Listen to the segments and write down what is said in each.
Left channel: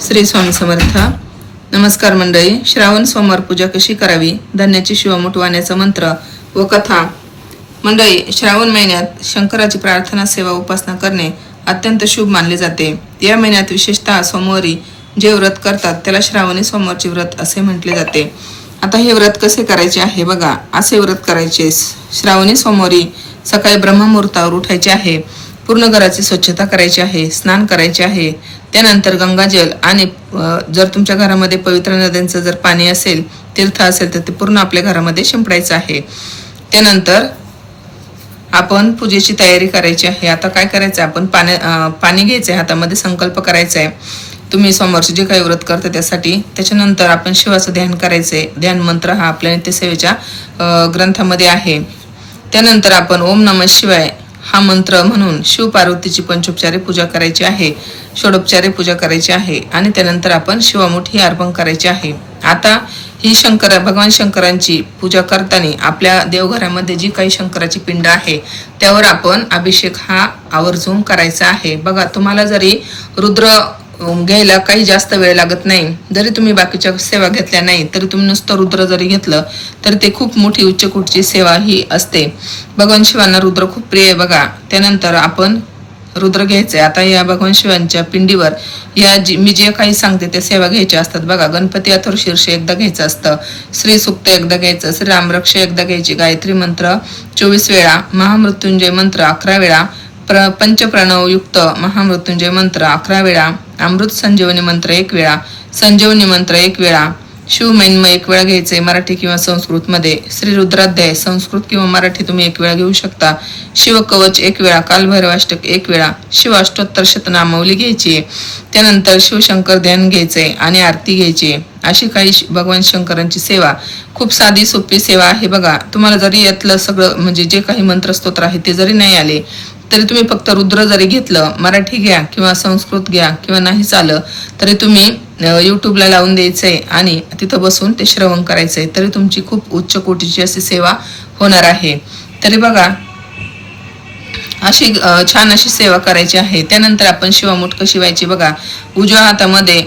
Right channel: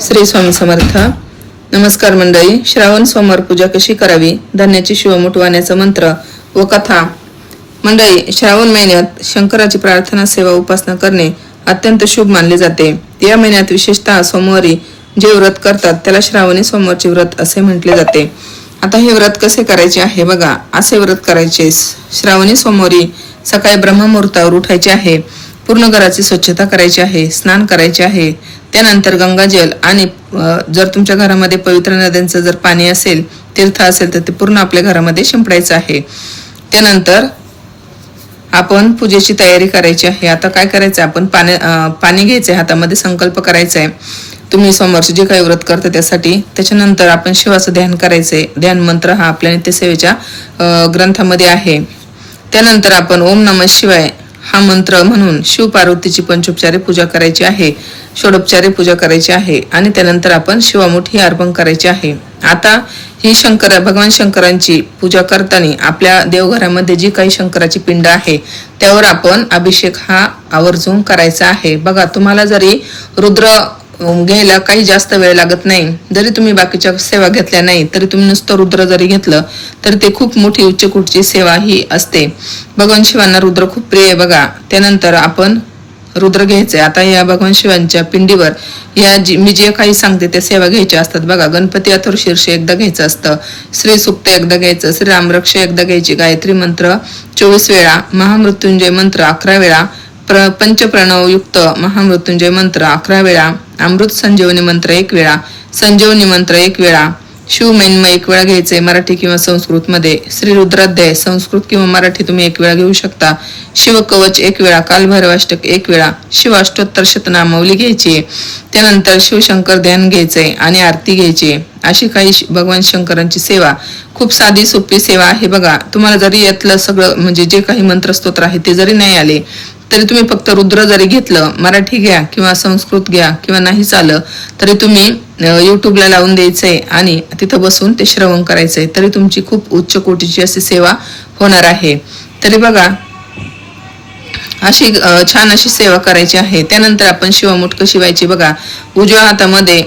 श्री स्वामी समर्थ. नमस्कार मंडळी. श्रावण सोमवार पूजा कशी करावी, धान्याची शिवमुठ वाहण्याचा मंत्र व कथा. मंडळी, श्रावण महिन्यात शंकराची प्रार्थना सेवा उपासना करणे अत्यंत शुभ मानले जाते. या महिन्यात विशेषतः सोमवारी जे व्रत करतात त्याला श्रावणी सोमवारचे व्रत असे म्हटले जाते. आता हे व्रत कसे करायचे आहे बघा. असे व्रत करायचे. श्रावणी सोमवारी सकाळी ब्रह्ममुहूर्तावर उठायचे आहे. पूर्ण घराची स्वच्छता करायची आहे. स्नान करायचे आहे. त्यानंतर गंगाजल आणि जर तुमच्या घरामध्ये पवित्र नद्यांचं जर पाणी असेल, तीर्थ असेल, तर ते पूर्ण आपल्या घरामध्ये शिंपडायचं आहे. त्यानंतर आपण पूजेची तयारी करायची आहे. आता काय करायचं, आपण पाणी घ्यायचं हातामध्ये, संकल्प करायचा आहे तुम्ही सोमवारचे जे काही व्रत करता त्यासाठी. त्याच्यानंतर आपण शिवाचं ध्यान करायचंय. ध्यान मंत्र हा आपल्या नित्यसेवेच्या ग्रंथामध्ये आहे. त्यानंतर आपण ओम नमः शिवाय हा मंत्र म्हणून शिव पार्वतीची पंचोपचारी पूजा करायची आहे. षोडोपचारी पूजा करायची आहे. आणि त्यानंतर आपण शिवामुठ ही अर्पण करायची आहे. आता ही भगवान शंकरांची पूजा करताना आपल्या देवघरामध्ये जी काही शंकराची पिंड आहे त्यावर आपण अभिषेक हा आवर्जून करायचा आहे. बघा, तुम्हाला जरी रुद्र घ्यायला काही जास्त वेळ लागत नाही, जरी तुम्ही बाकीच्या सेवा घेतल्या नाही, तरी तुम्ही नुसतं रुद्र जरी घेतलं तरी ते खूप मोठी उच्चकोटीची सेवा ही असते. भगवान शिवांना रुद्र खूप प्रिय आहे बघा. त्यानंतर आपण रुद्र घ्यायचंय. आता या भगवान शिवांच्या पिंडीवर मी जे काही सांगते त्या सेवा घ्यायच्या असतात बघा. गणपती अथर्वशीर्ष एकदा घ्यायचं असतं. श्री सुक्त एकदा घ्यायचं. श्री रामरक्ष एकदा घ्यायची. गायत्री मंत्र 24 वेळा. महामृत्युंजय मंत्र 11 वेळा. पंचप्रणव युक्त महामृत्युंजय मंत्र 11 वेळा. अमृत संजीवनी मंत्र 1 वेळा. संजीवनी मंत्र 1 वेळा. शिवमहिमा 1 वेळा घ्यायचंय, मराठी किंवा संस्कृत मध्ये. श्री रुद्राध्याय संस्कृत किंवा मराठी तुम्ही 1 वेळा घेऊ शकता. शिव कवच 1 वेळा. कालभैरवाष्टक 1 वेळा. शिव अष्टोत्तर शतनामावली घ्यायची. त्यानंतर शिवशंकर ध्यान घ्यायचंय आणि आरती घ्यायची. अशी काही भगवान शंकरांची सेवा खूप साधी सोपी सेवा आहे बघा. तुम्हाला जरी यातलं सगळं म्हणजे जे काही मंत्रस्तोत्र आहे ते जरी नाही आले तरी तुम्ही फक्त रुद्र जरी घेतलं, मराठी घ्या किंवा संस्कृत घ्या किंवा नाही चालं तरी तुम्ही युट्यूबला लावून द्यायचंय आणि तिथं बसून ते श्रवण करायचंय, तरी तुमची खूप उच्च कोटीची अशी सेवा होणार आहे. तरी बघा, अशी छान अशी सेवा करायची आहे. त्यानंतर आपण शिवमुठ कशी व्हायची बघा. उजव्या हातामध्ये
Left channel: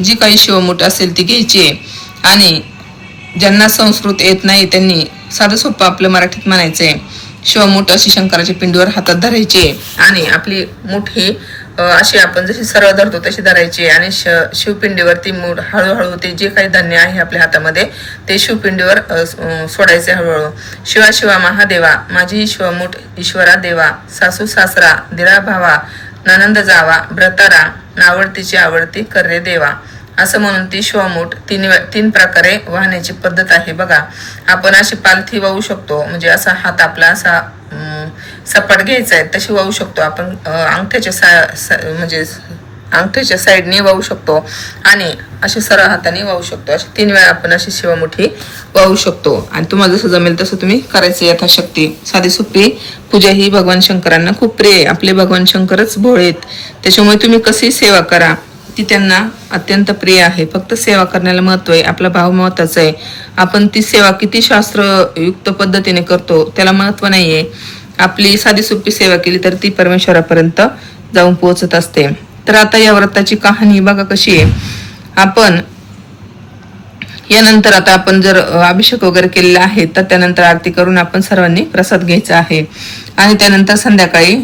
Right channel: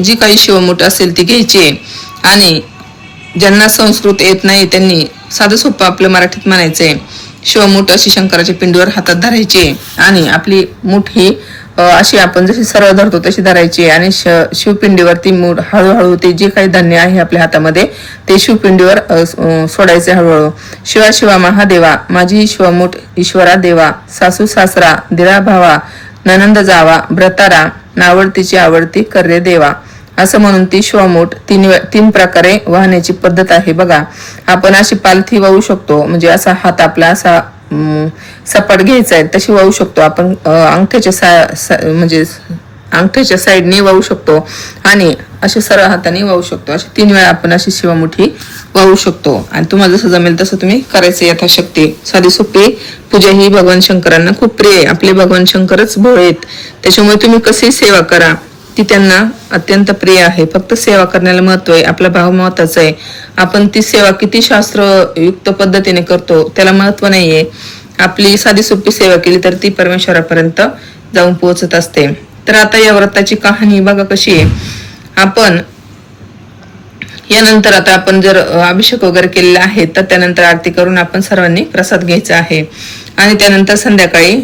जी काही शिवमुठ असेल ती घ्यायची आणि ज्यांना संस्कृत येत नाही त्यांनी साधं सोपं आपलं मराठीत म्हणायचंय. शिवमुठ अशी शंकराच्या पिंडीवर हातात धरायची आणि आपली मुठ ही अशी आपण जशी सरळ धरतो तशी धरायची आणि शिवपिंडीवरती मूठ हळूहळू ते जे काही धान्य आहे आपल्या हातामध्ये ते शिवपिंडीवर सोडायचे हळूहळू. शिवा शिवा महादेवा माझी शिवमुठ ईश्वरा देवा. सासू सासरा दिरा भावा ननंद जावा ब्रतारा नावडतीची आवडती कर्रे देवा. असं म्हणून ती शिवमुठ 3 प्रकारे वाहण्याची पद्धत आहे बघा. आपण अशी पालथी वाहू शकतो, म्हणजे असा हात आपला असा सपाट घ्यायचा आहे तशी वाहू शकतो आपण. म्हणजे अंगठ्याच्या साईडने वाहू शकतो आणि असे सरळ हाताने वाहू शकतो. अशी 3 वेळा आपण अशी शिवमुठी वाहू शकतो आणि तुम्हाला जसं जमेल तसं तुम्ही करायचं यथाशक्ती. साधी सोपी पूजा ही भगवान शंकरांना खूप प्रिय आहे. आपले भगवान शंकरच भोळे आहेत, त्याच्यामुळे तुम्ही कशी सेवा करा ती त्यांना अत्यंत प्रिय आहे. फक्त सेवा करण्याला महत्व आहे, आपला भाव महत्वाचा आहे. आपण ती सेवा किती शास्त्रयुक्त पद्धतीने करतो त्याला महत्व नाहीये. आपली साधी सोपी सेवा केली तर ती परमेश्वरापर्यंत जाऊन पोहोचत असते. तर आता या व्रताची कहाणी बघा कशी आहे. आपण यानंतर आता आपण जर अभिषेक वगैरे केलेला आहे तर त्यानंतर आरती करून आपण सर्वांनी प्रसाद घ्यायचा आहे आणि त्यानंतर संध्याकाळी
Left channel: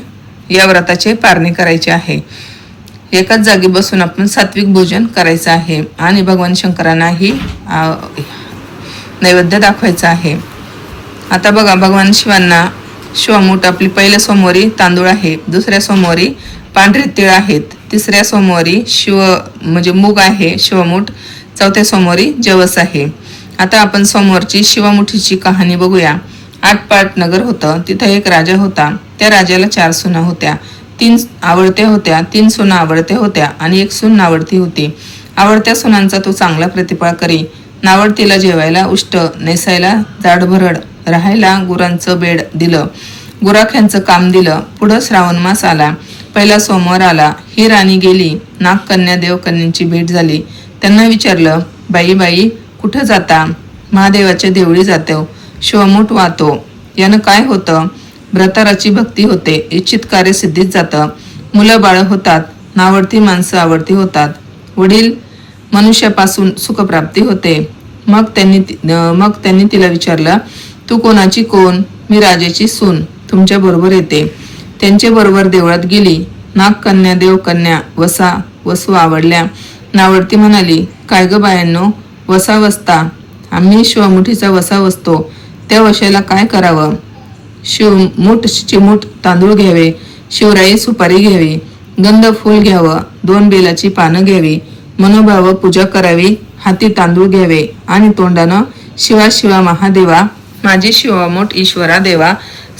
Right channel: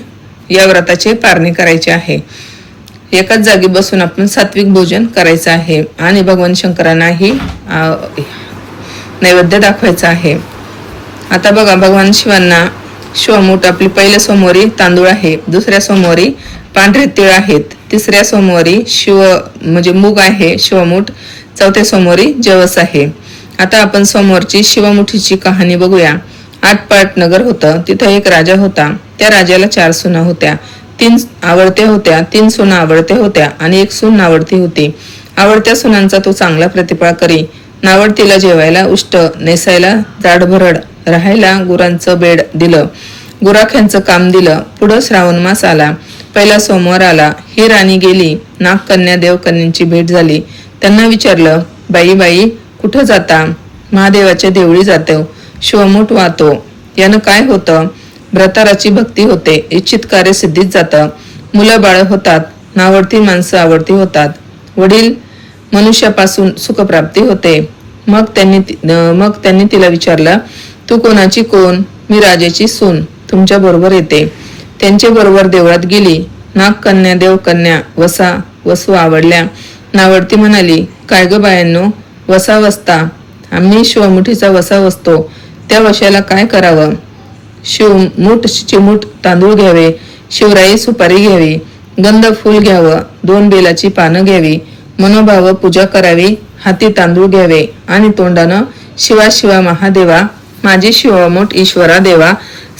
या व्रताची पारणी करायची आहे. एकाच जागी बसून आपण सात्विक भोजन करायचं आहे आणि भगवान शंकरांनाही नैवेद्य दाखवायचा आहे. आता बघा, भगवान शिवांना शिवमुठ आपली पहिल्या सोमवारी तांदूळ आहे. दुसऱ्या सोमवारी पांढरे तीळ आहेत. तिसऱ्या सोमवारी म्हणजे मूग आहे शिवमुठ. चौथ्या सोमवारी जवस आहे. आता आपण सोमवारची शिवमुठीची कहाणी बघूया. 8 पाट नगर होतं. तिथं एक राजा होता. त्या राजाला 4 सुना होत्या. 3 आवडते होत्या, 3 सुना आवडते होत्या आणि 1 सून नावडती होती. आवडत्या सुनांचा तो चांगला प्रतिपाळ करी. नावडतीला जेवायला उष्ट, नेसायला जाडभरड, राहायला गुरांचं बेड दिलं. गुराख्यांचं काम दिलं. पुढं श्रावण मास आला. पहिला सोमवार आला. ही राणी गेली. नागकन्या देवकन्यांची भेट झाली. त्यांना विचारलं, बाई बाई कुठं जाता? महादेवाच्या देवळी जातो. शिवमुठ वाहतो. यानं काय होतं? भ्रताराची भक्ती होते. इच्छित कार्य सिद्धीत जातं. मुलं बाळ होतात. नावडती माणसं आवडती होतात. वडील मनुष्यापासून सुखप्राप्ती होते. मग त्यांनी तिला विचारलं, तू कोणाची कोण? मी राजाची सून, तुमच्या बरोबर येते. त्यांच्या बरोबर देवळात गेली. नागकन्या, देवकन्या, वसा, वसू आवडल्या. नावडती म्हणाली, काय ग बायांनो, वसा वसता. आम्ही शिवमुठीचा वसा वसतो. त्या वशाला काय करावं? शिवमुठ चिमूट तांदूळ घ्यावे, शिवराई सुपारी घ्यावी, गंध फूल घ्यावं, 2 बेलाची पानं घ्यावी, मनोभाव पूजा करावी, हाती तांदूळ घ्यावे आणि तोंडानं शिवा शिवा महादेवा, माझी शिवमुठ ईश्वरा देवा,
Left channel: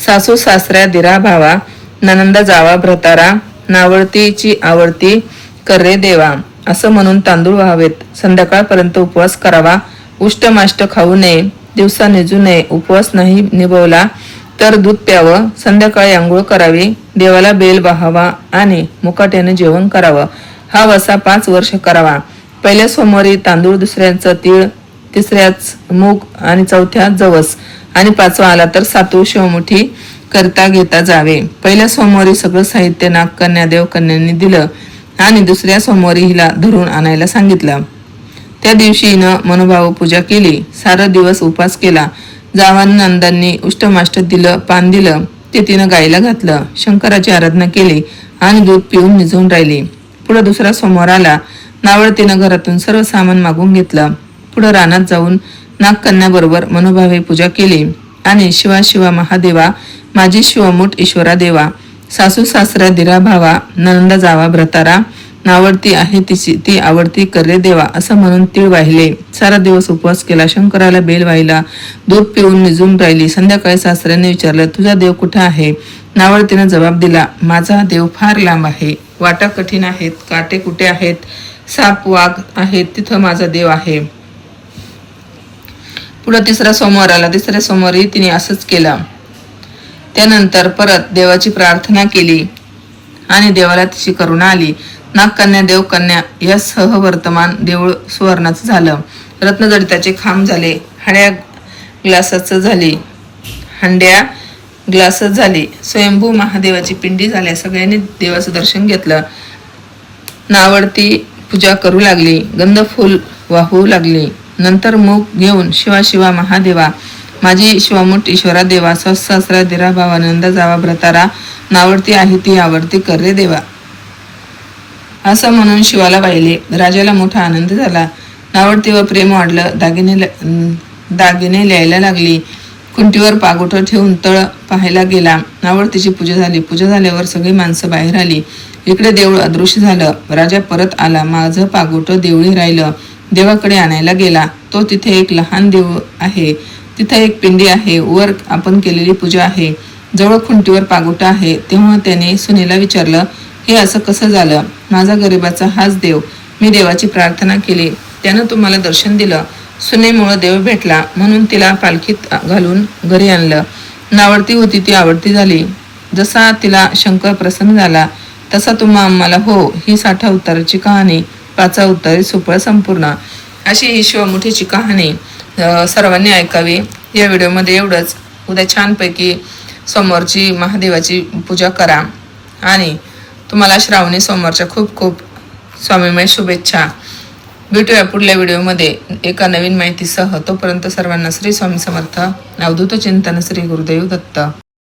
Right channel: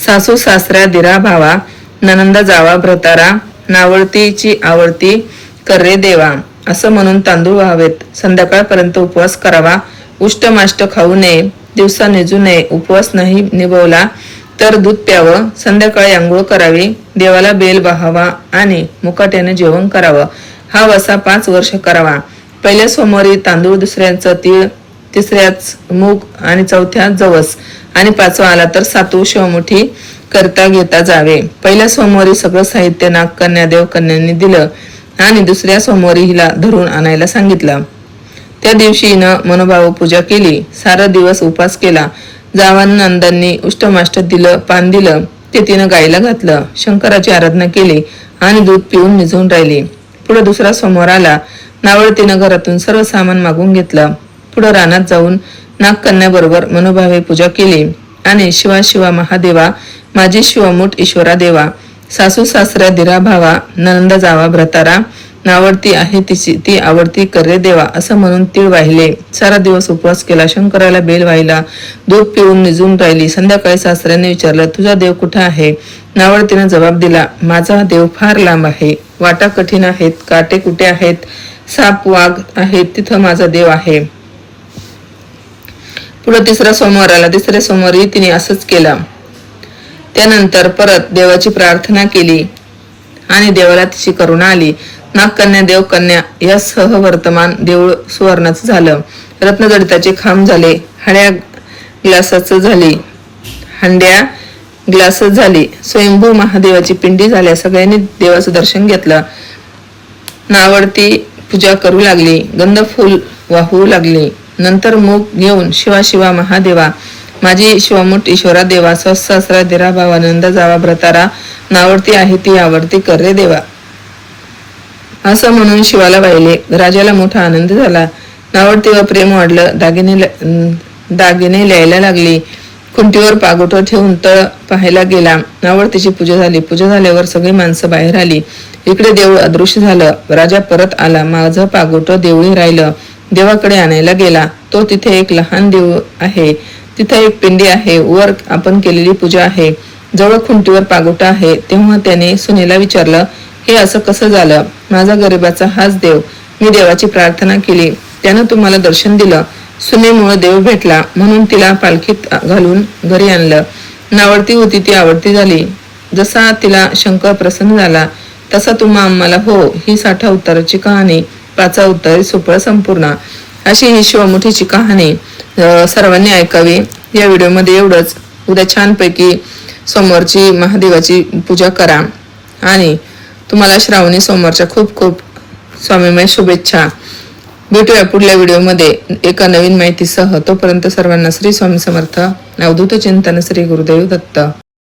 सासू सासऱ्या दिरा भावा, ननंदा जावा भ्रतारा, नावळतीची आवडती कर्रे देवा असं म्हणून तांदूळ व्हावेत. संध्याकाळपर्यंत उपवास करावा. उष्टमाष्ट खाऊ नये. दिवसा निजू नये. उपवास नाही निभवला तर दूध प्यावं. संध्याकाळी आंघोळ करावी. देवाला बेल वाहावा आणि मुकाट्याने जेवण करावं. हा वसा 5 वर्ष करावा. पहिल्या सोमवारी तांदूळ, दुसऱ्याचं तीळ, तिसऱ्याच मूग आणि चौथ्या जवस आणि 5वा आला तर 7वी शिवमुठी करता घेता जावे. पहिल्या सोमवारी सगळं साहित्य नागकन्या, देवकन्यांनी दिलं आणि दुसऱ्या सोमवारी हिला धरून आणायला सांगितलं. त्या दिवशी हिनं मनोभाव पूजा केली. सारा दिवस उपवास केला. जावानंदांनी उष्टमाष्ट दिलं, पान दिलं, ते तिनं गाईला घातलं. शंकराची आराधना केली आणि दूध पिऊन निजून राहिली. पुढे दुसरा सोमवार आला. नावळतीनं घरातून सर्व सामान मागून घेतलं. पुढे रानात जाऊन नागकन्या बरोबर मनोभावे पूजा केली आणि शिवा शिवा महादेवा, माझी शिवमुठ ईश्वरा देवा, सासू सासऱ्या दिरा भावा, नंदा जावा भ्रतारा, नावडती आहे ती आवडती कर्रे देवा असं म्हणून तीळ वाहिले. सारा दिवस उपवास केला. शंकराला बेल वाहिला. दूध पिऊन निजून राहिली. संध्याकाळी सासऱ्याने विचारलं, तुझा देव कुठे आहे? नावडतीने जबाब दिला, माझा देव फार लांब आहे. वाटा कठीण आहेत, काटे कुठे आहेत, साप वाघ आहेत, तिथं माझा देव आहे. पुढे तिसरा सोमवार आला. तिसऱ्या सोमवारी तिने असंच केलं. त्यानंतर परत देवाची प्रार्थना केली आणि देवाला तिची करुणा आली. नागकन्या, देवकन्या या सहवर्तमान देऊळ सुवर्णाचं झालं. रत्नजडिताचे खांब झाले. हंड्या ग्लासच झाली. स्वयंभू महादेवाची पिंडी झाल्या. सगळ्यांनी देवाचं दर्शन घेतलं. नावडती पूजा करू लागली. गंध फूल वाहू लागली. नंतर मूग घेऊन शिवा शिवा महादेवा, माझी शिवमुठ ईश्वरा देवा, सासरा दिरा भावा, नंदा जावा भ्रतारा, नावडती आहे ती आवडती कर्रे देवा असं म्हणून शिवाला वाहिले. राजाला मोठा आनंद झाला. नावडतीवर प्रेम वाढलं. दागिने लिहायला लागली. खुंटीवर पागोटं ठेवून तळ पाहायला गेला. नावडतीची पूजा झाली. पूजा झाल्यावर सगळी माणसं बाहेर आली. इकडे देऊळ अदृश्य झालं. राजा परत आला. माझं पागोटं देऊळी राहिलं. देवाकडे आणायला गेला. तो तिथे एक लहान देऊळ आहे. तिथे एक पिंडी आहे. वर आपण केलेली पूजा आहे. जवळ खुंटीवर पागोटा आहे. तेव्हा त्याने सुनेला विचारलं, हे असं कसं झालं? माझा गरिबाचा हाच देव. मी देवाची प्रार्थना केली, त्यानं तुम्हाला दर्शन दिलं. सुनेमुळे देव भेटला म्हणून तिला पालखीत घालून घरी आणलं. नावडती होती ती आवडती झाली. जसा तिला शंकर प्रसन्न झाला तसा तुम्हा आम्हाला हो. ही 60 उत्तराची कहाणी, 5 उत्तर सुफळ संपूर्ण अशी ही शिवमुठीची कहाणी सर्वांनी ऐकावी. या व्हिडिओमध्ये एवढंच. उद्या छानपैकी सोमवारची महादेवाची पूजा करा आणि तुम्हाला श्रावणी सोमवारच्या खूप खूप स्वामीमय शुभेच्छा. भेटूया पुढल्या व्हिडिओमध्ये एका नवीन माहितीसह. तोपर्यंत सर्वांना श्री स्वामी समर्थ. अवधूत चिंतन. श्री गुरुदेव दत्त.